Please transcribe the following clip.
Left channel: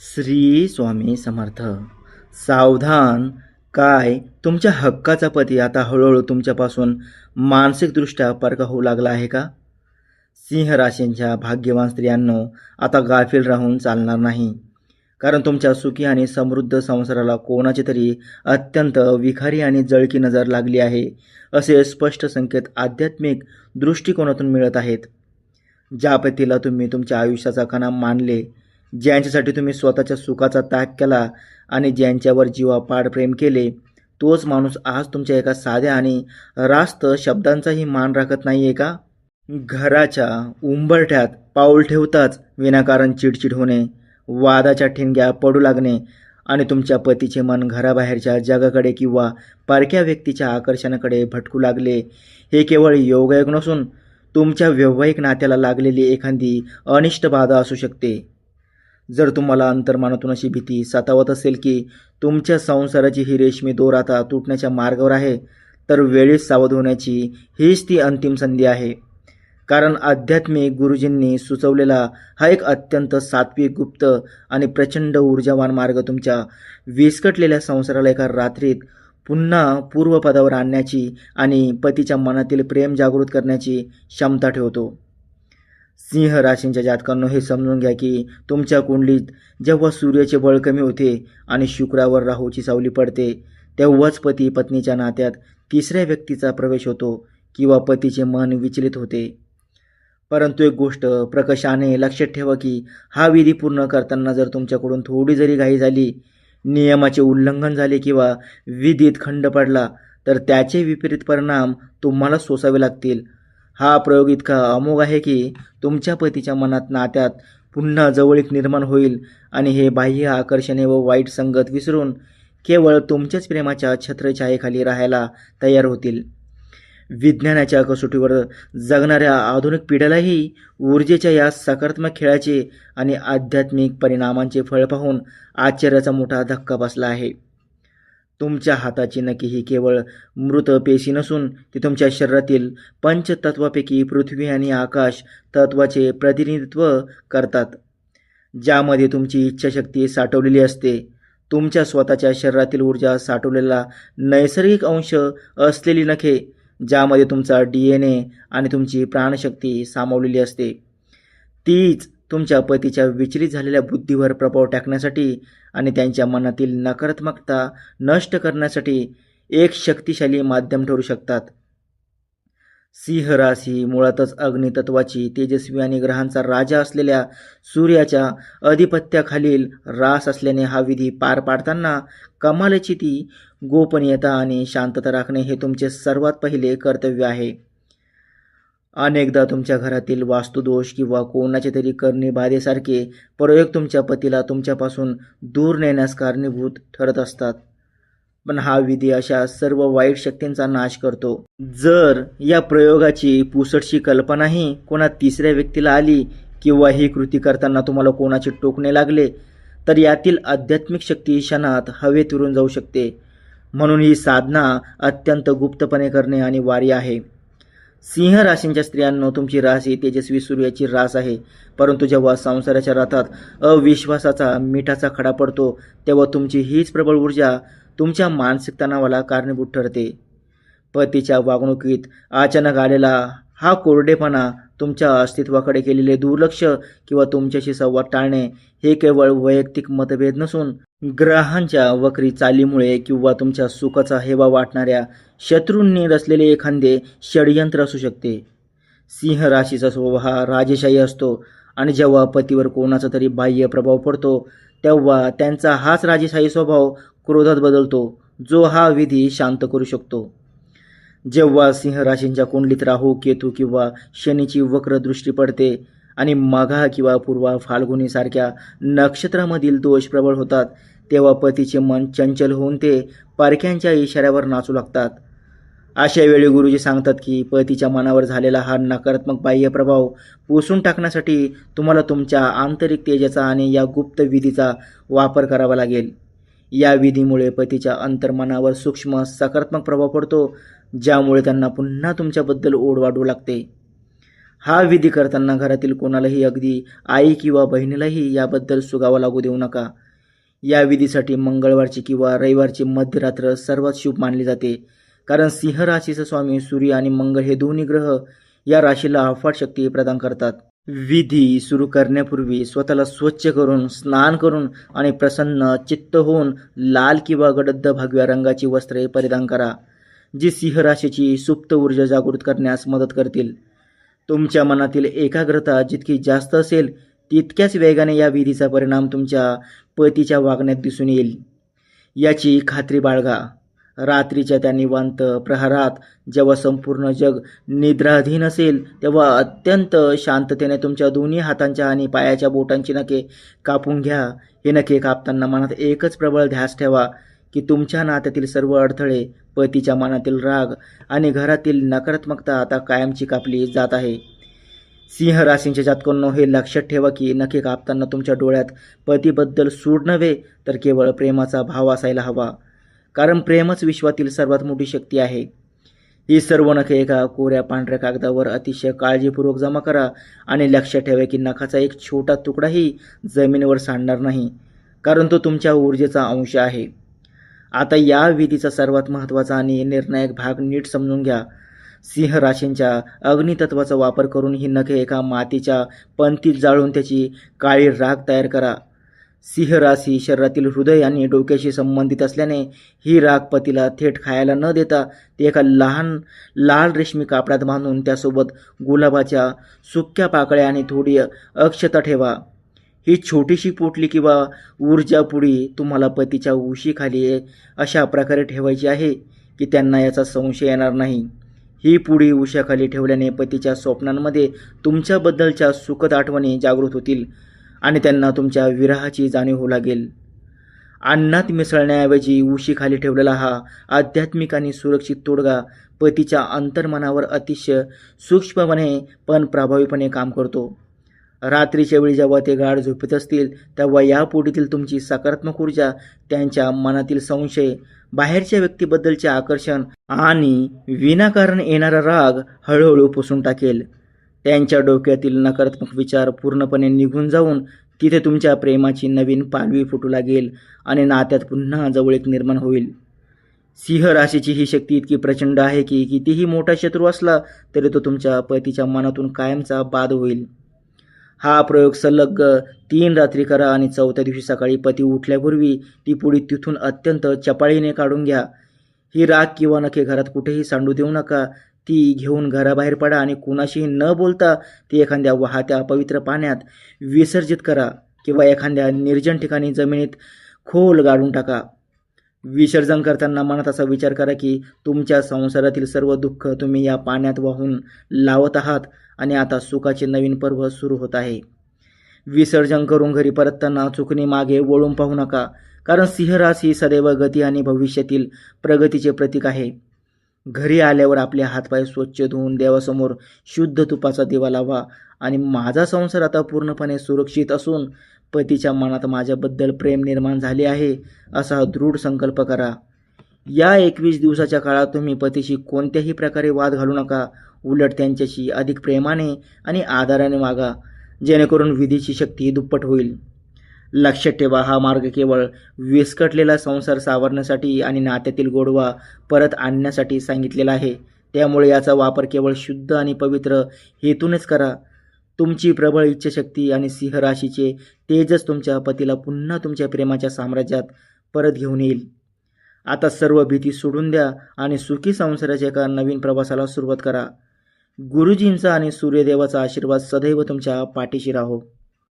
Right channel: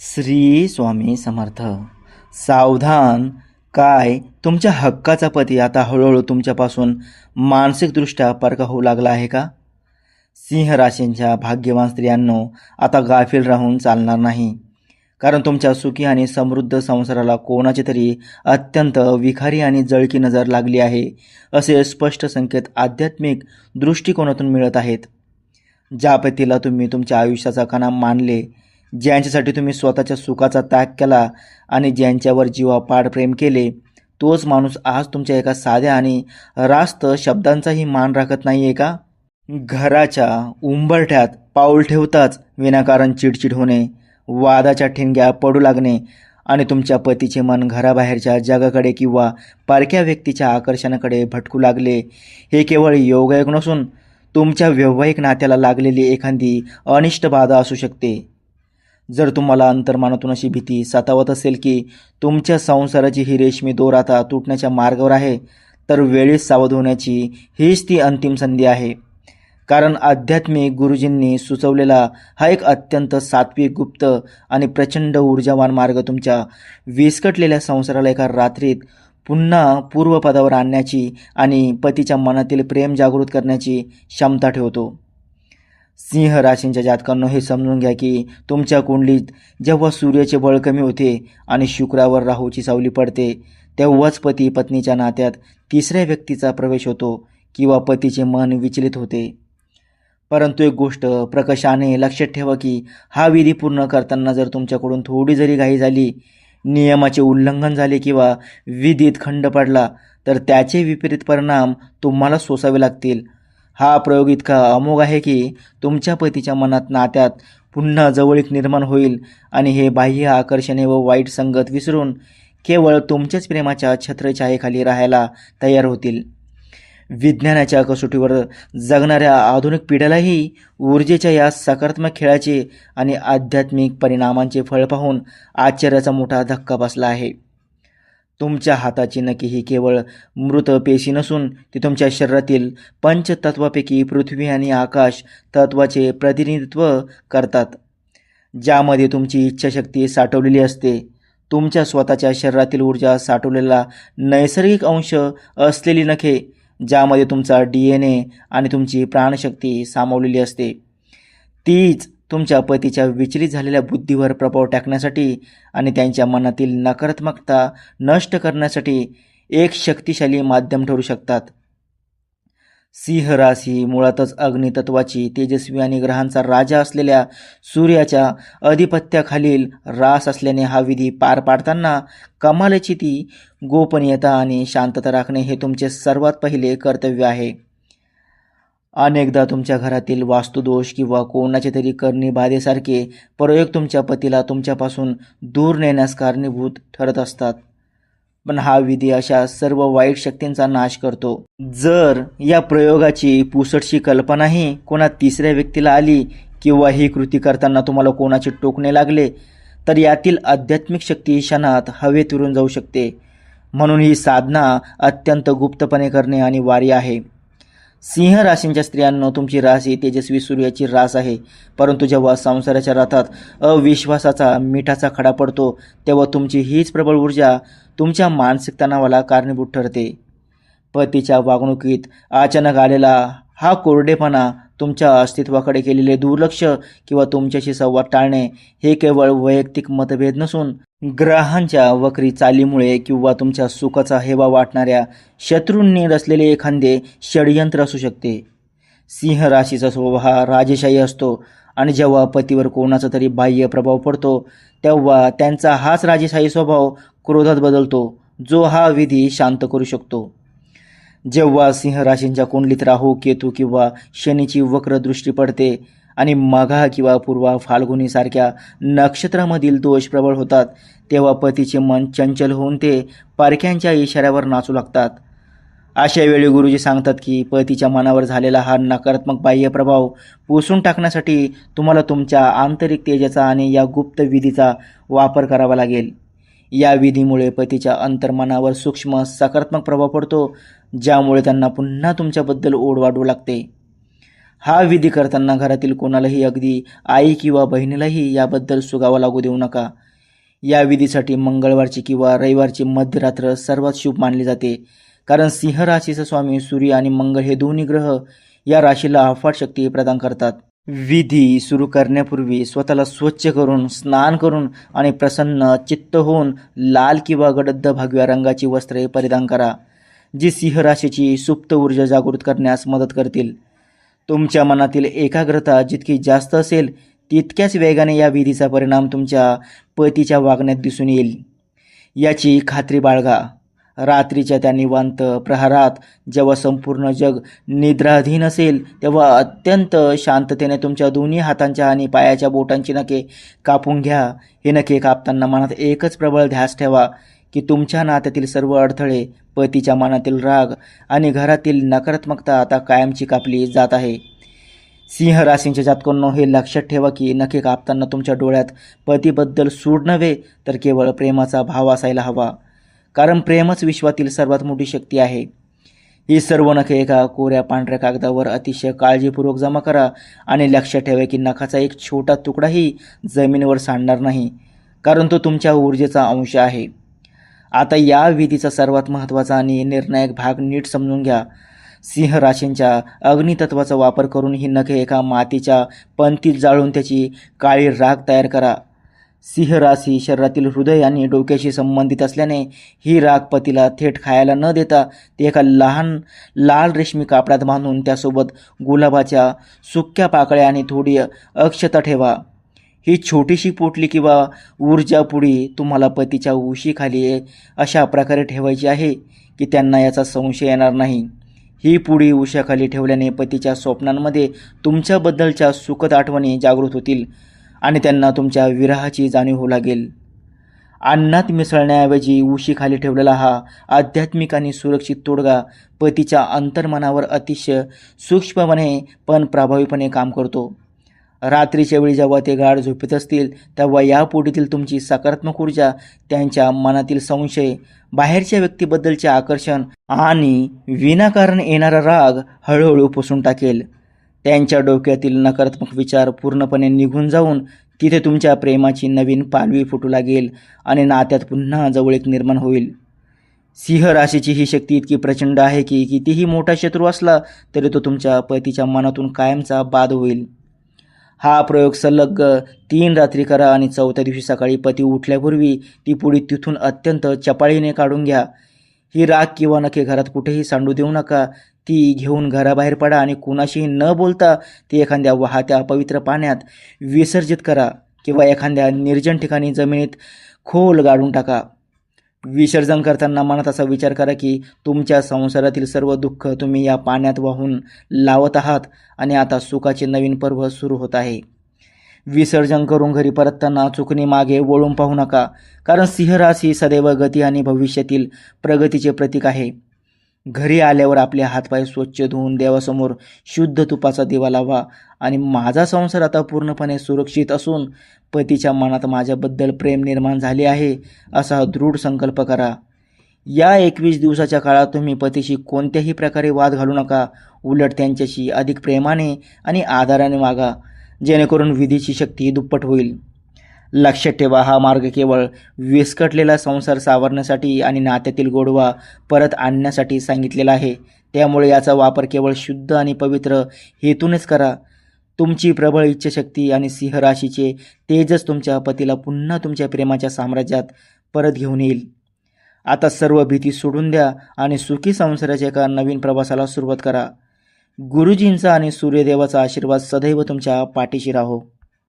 श्री स्वामी समर्थ. सावधान. काय तुमच्या हक्काचा पती आता हळूहळू तुमच्यापासून मानसिकदृष्ट्या परका होऊ लागला आहे का? सिंह राशींच्या भाग्यवान स्त्रियांनो, आता गाफील राहून चालणार नाही. कारण तुमच्या सुखी आणि समृद्ध संसाराला कोणाची तरी अत्यंत विखारी आणि जळकी नजर लागली आहे, असे स्पष्ट संकेत आध्यात्मिक दृष्टिकोनातून मिळत आहेत. ज्या पतीला तुम्ही तुमच्या आयुष्याचा कणा मानले, ज्यांच्यासाठी तुम्ही स्वतःच्या सुखाचा त्याग केला आणि ज्यांच्यावर जीवापाड प्रेम केले, तोच माणूस आज तुमच्या एका साध्या आणि रास्त शब्दांचाही मान राखत नाही आहे का? घराच्या उंबरठ्यात पाऊल ठेवताच विनाकारण चिडचिड होणे, वादाच्या ठिणग्या पडू लागणे आणि तुमच्या पतीचे मन घराबाहेरच्या जगाकडे किंवा परक्या व्यक्तीच्या आकर्षणाकडे भटकू लागले, हे केवळ योगायोग नसून तुमच्या वैवाहिक नात्याला लागलेली एखादी अनिष्ट बाधा असू शकते. जर तुम्हाला अंतर्मनातून अशी भीती सतावत असेल की तुमच्या संसाराची ही रेशमी दोर आता तुटण्याच्या मार्गावर आहे, तर वेळीच सावध होण्याची हीच ती अंतिम संधी आहे. कारण आध्यात्मिक गुरुजींनी सुचवलेला हा एक अत्यंत सात्विक, गुप्त आणि प्रचंड ऊर्जावान मार्ग तुमच्या विस्कटलेल्या संसाराला एका रात्रीत पुन्हा पूर्वपदावर आणण्याची आणि पतीच्या मनातील प्रेम जागृत करण्याची क्षमता ठेवतो. सिंह राशींच्या जातकांनो, हे समजून घ्या की तुमच्या कुंडलीत जेव्हा सूर्याचे बळ कमी होते आणि शुक्रावर राहूची सावली पडते, तेव्हाच पती पत्नीच्या नात्यात तिसऱ्या व्यक्तीचा प्रवेश होतो किंवा पतीचे मन विचलित होते. परंतु एक गोष्ट प्रकर्षाने लक्षात ठेवा की हा विधी पूर्ण करताना जर तुमच्याकडून थोडी जरी घाई झाली, नियमाचे उल्लंघन झाले किंवा विधीत खंड पडला, तर त्याचे विपरीत परिणाम तुम्हाला सोसावे लागतील. हा प्रयोग इतका अमोघ आहे की तुमच्या पतीच्या मनात नात्यात पुन्हा जवळीक निर्माण होईल आणि हे बाह्य आकर्षणे व वाईट संगत विसरून केवळ तुमच्याच प्रेमाच्या छत्रछायेखाली राहायला तयार होतील. विज्ञानाच्या कसोटीवर जगणाऱ्या आधुनिक पिढ्यालाही ऊर्जेच्या या सकारात्मक खेळाचे आणि आध्यात्मिक परिणामांचे फळ पाहून आश्चर्याचा मोठा धक्का बसला आहे. तुमच्या हाताची नखे ही केवळ मृत पेशी नसून ती तुमच्या शरीरातील पंचतत्वापैकी पृथ्वी आणि आकाश तत्वाचे प्रतिनिधित्व करतात, ज्यामध्ये तुमची इच्छाशक्ती साठवलेली असते. तुमच्या स्वतःच्या शरीरातील ऊर्जा साठवलेला नैसर्गिक अंश असलेली नखे, ज्यामध्ये तुमचा DNA आणि तुमची प्राणशक्ती सामावलेली असते, तीच तुमच्या पतीच्या विचलित झालेल्या बुद्धीवर प्रभाव टाकण्यासाठी आणि त्यांच्या मनातील नकारात्मकता नष्ट करण्यासाठी एक शक्तिशाली माध्यम ठरू शकतात. सिंह राशी मुळातच अग्नितत्वाची, तेजस्वी आणि ग्रहांचा राजा असलेल्या सूर्याच्या अधिपत्याखालील रास असल्याने हा विधी पार पाडताना कमालीची ती गोपनीयता आणि शांतता राखणे हे तुमचे सर्वात पहिले कर्तव्य आहे. अनेकदा तुमच्या घरातील वास्तुदोष किंवा कोणाचे तरी करणी बाधेसारखे प्रयोग तुमच्या पतीला तुमच्यापासून दूर नेण्यास कारणीभूत ठरत असतात. पण हा विधी अशा सर्व वाईट शक्तींचा नाश करतो. जर या प्रयोगाची पुसटशी कल्पनाही कोणा तिसऱ्या व्यक्तीला आली किंवा ही कृती करताना तुम्हाला कोणाचे टोकणे लागले, तर यातील आध्यात्मिक शक्ती क्षणात हवेत उडून जाऊ शकते. म्हणून ही साधना अत्यंत गुप्तपणे करणे अनिवार्य आहे. सिंह राशींच्या स्त्रियांनो, तुमची रास ही तेजस्वी सूर्याची रास आहे. परंतु जेव्हा संसाराच्या रथात अविश्वासाचा मिठाचा खडा पडतो, तेव्हा तुमची हीच प्रबळ ऊर्जा तुमच्या मानसिक तणावाला कारणीभूत ठरते. पतीच्या वागणुकीत अचानक आलेला हा कोरडेपणा, तुमच्या अस्तित्वाकडे केलेले दुर्लक्ष किंवा तुमच्याशी संवाद टाळणे हे केवळ वैयक्तिक मतभेद नसून ग्रहांच्या वक्री चालीमुळे किंवा तुमच्या सुखाचा हेवा वाटणाऱ्या शत्रूंनी रचलेले एखादे षडयंत्र असू शकते. सिंह राशीचा स्वभाव हा राजेशाही असतो आणि जेव्हा पतीवर कोणाचा तरी बाह्य प्रभाव पडतो, तेव्हा त्यांचा हाच राजेशाही स्वभाव क्रोधात बदलतो, जो हा विधी शांत करू शकतो. जेव्हा सिंह राशींच्या कुंडलीत राहू, केतू किंवा शनीची वक्र दृष्टी पडते आणि मघा किंवा पूर्वा फाल्गुनी सारख्या नक्षत्रामधील दोष प्रबळ होतात, तेव्हा पतीचे मन चंचल होऊन ते परक्यांच्या इशाऱ्यावर नाचू लागतात. अशा वेळी गुरुजी सांगतात की पतीच्या मनावर झालेला हा नकारात्मक बाह्य प्रभाव पुसून टाकण्यासाठी तुम्हाला तुमच्या आंतरिक तेजाचा आणि या गुप्त विधीचा वापर करावा लागेल. या विधीमुळे पतीच्या अंतर्मनावर सूक्ष्म सकारात्मक प्रभाव पडतो, ज्यामुळे त्यांना पुन्हा तुमच्याबद्दल ओढ वाढू लागते. हा विधी करताना घरातील कोणालाही, अगदी आई किंवा बहिणीलाही याबद्दल सुगावा लागू देऊ नका. या विधीसाठी मंगळवारची किंवा रविवारची मध्यरात्र सर्वात शुभ मानली जाते, कारण सिंह राशीचा स्वामी सूर्य आणि मंगळ हे दोन्ही ग्रह या राशीला अफाट शक्ती प्रदान करतात. विधी सुरू करण्यापूर्वी स्वतःला स्वच्छ करून, स्नान करून आणि प्रसन्न चित्त होऊन लाल किंवा गडद भगव्या रंगाची वस्त्रे परिधान करा, जी सिंह राशीची सुप्त ऊर्जा जागृत करण्यास मदत करतील. तुमच्या मनातील एकाग्रता जितकी जास्त असेल तितक्याच वेगाने या विधीचा परिणाम तुमच्या पतीच्या वागण्यात दिसून येईल, याची खात्री बाळगा. रात्रीच्या त्या निवांत प्रहरात, जेव्हा संपूर्ण जग निद्राधीन असेल, तेव्हा अत्यंत शांततेने तुमच्या दोन्ही हातांच्या आणि पायाच्या बोटांची नखे कापून घ्या. हे नखे कापताना मनात एकच प्रबळ ध्यास ठेवा की तुमच्या नात्यातील सर्व अडथळे, पतीच्या मनातील राग आणि घरातील नकारात्मकता आता कायमची कापली जात आहे. सिंह राशींच्या जातकांनो, हे लक्षात ठेवा की नखे कापताना तुमच्या डोळ्यात पतीबद्दल सूड नव्हे तर केवळ प्रेमाचा भाव असायला हवा, कारण प्रेमच विश्वातील सर्वात मोठी शक्ती आहे. ही सर्व नखे एका कोऱ्या पांढऱ्या कागदावर अतिशय काळजीपूर्वक जमा करा आणि लक्षात ठेवा की नखाचा एक छोटा तुकडाही जमिनीवर सांडणार नाही, कारण तो तुमच्या ऊर्जेचा अंश आहे. आता या विधीचा सर्वात महत्त्वाचा आणि निर्णायक भाग नीट समजून घ्या. सिंह राशींच्या अग्नितत्वाचा वापर करून ही नखे एका मातीच्या पंतीत जाळून त्याची काळी राख तयार करा. सिंह राशी शरीरातील हृदय आणि डोक्याशी संबंधित असल्याने ही राख पतीला थेट खायला न देता ती एका लहान लाल रेशमी कापडात बांधून त्यासोबत गुलाबाच्या सुक्या पाकळ्या आणि थोडी अक्षता ठेवा. ही छोटीशी पोटली किंवा ऊर्जा पुडी तुम्हाला पतीच्या उशीखाली अशा प्रकारे ठेवायची आहे की त्यांना याचा संशय येणार नाही. ही पुडी उशाखाली ठेवल्याने पतीच्या स्वप्नांमध्ये तुमच्याबद्दलच्या सुखद आठवणी जागृत होतील आणि त्यांना तुमच्या विरहाची जाणीव होऊ लागेल. अन्नात मिसळण्याऐवजी उशीखाली ठेवलेला हा आध्यात्मिक आणि सुरक्षित तोडगा पतीच्या अंतर्मनावर अतिशय सूक्ष्मपणे पण प्रभावीपणे काम करतो. रात्रीच्या वेळी जेव्हा ते गाढ झोपेत असतील तेव्हा या पोटीतील तुमची सकारात्मक ऊर्जा त्यांच्या मनातील संशय, बाहेरच्या व्यक्तीबद्दलचे आकर्षण आणि विनाकारण येणारा राग हळूहळू पुसून टाकेल. त्यांच्या डोक्यातील नकारात्मक विचार पूर्णपणे निघून जाऊन तिथे तुमच्या प्रेमाची नवीन पालवी फुटू लागेल आणि नात्यात पुन्हा जवळीक निर्माण होईल. सिंह राशीची ही शक्ती इतकी प्रचंड आहे की कितीही मोठा शत्रू असला तरी तो तुमच्या पतीच्या मनातून कायमचा बाद होईल. हा प्रयोग सलग 3 रात्री करा आणि 4थ्या दिवशी सकाळी पती उठल्यापूर्वी ती पुडी तिथून अत्यंत चपाळीने काढून घ्या. ही राख किंवा नखे घरात कुठेही सांडू देऊ नका. ती घेऊन घराबाहेर पडा आणि कुणाशीही न बोलता ती एखाद्या वाहत्या पवित्र पाण्यात विसर्जित करा किंवा एखाद्या निर्जन ठिकाणी जमिनीत खोल गाडून टाका. विसर्जन करताना मनात असा विचार करा की तुमच्या संसारातील सर्व दुःख तुम्ही या पाण्यात वाहून लावत आहात आणि आता सुखाचे नवीन पर्व सुरू होत आहे. विसर्जन करून घरी परतताना चुकणी मागे वळून पाहू नका, कारण सिंह राशी सदैव गती आणि भविष्यातील प्रगतीचे प्रतीक आहे. घरी आल्यावर आपले हातपाय स्वच्छ धुवून देवासमोर शुद्ध तुपाचा दिवा लावा आणि माझा संसार आता पूर्णपणे सुरक्षित असून पतीच्या मनात माझ्याबद्दल प्रेम निर्माण झाले आहे असा दृढ संकल्प करा. या 21 दिवसाच्या काळात तुम्ही पतीशी कोणत्याही प्रकारे वाद घालू नका. उलट त्यांच्याशी अधिक प्रेमाने आणि आदराने वागा, जेणेकरून विधीची शक्ती दुप्पट होईल. लक्षात ठेवा, हा मार्ग केवळ विस्कटलेला संसार सावरण्यासाठी आणि नात्यातील गोडवा परत आणण्यासाठी सांगितलेला आहे. त्यामुळे याचा वापर केवळ शुद्ध आणि पवित्र हेतूनच करा. तुमची प्रबळ इच्छाशक्ती आणि सिंह राशीचे तेजच तुमच्या पतीला पुन्हा तुमच्या प्रेमाच्या साम्राज्यात परत घेऊन येईल. आता सर्व भीती सोडून द्या आणि सुखी संसाराच्या एका नवीन प्रवासाला सुरुवात करा. गुरुजींचा आणि सूर्यदेवाचा आशीर्वाद सदैव तुमच्या पाठीशी राहो.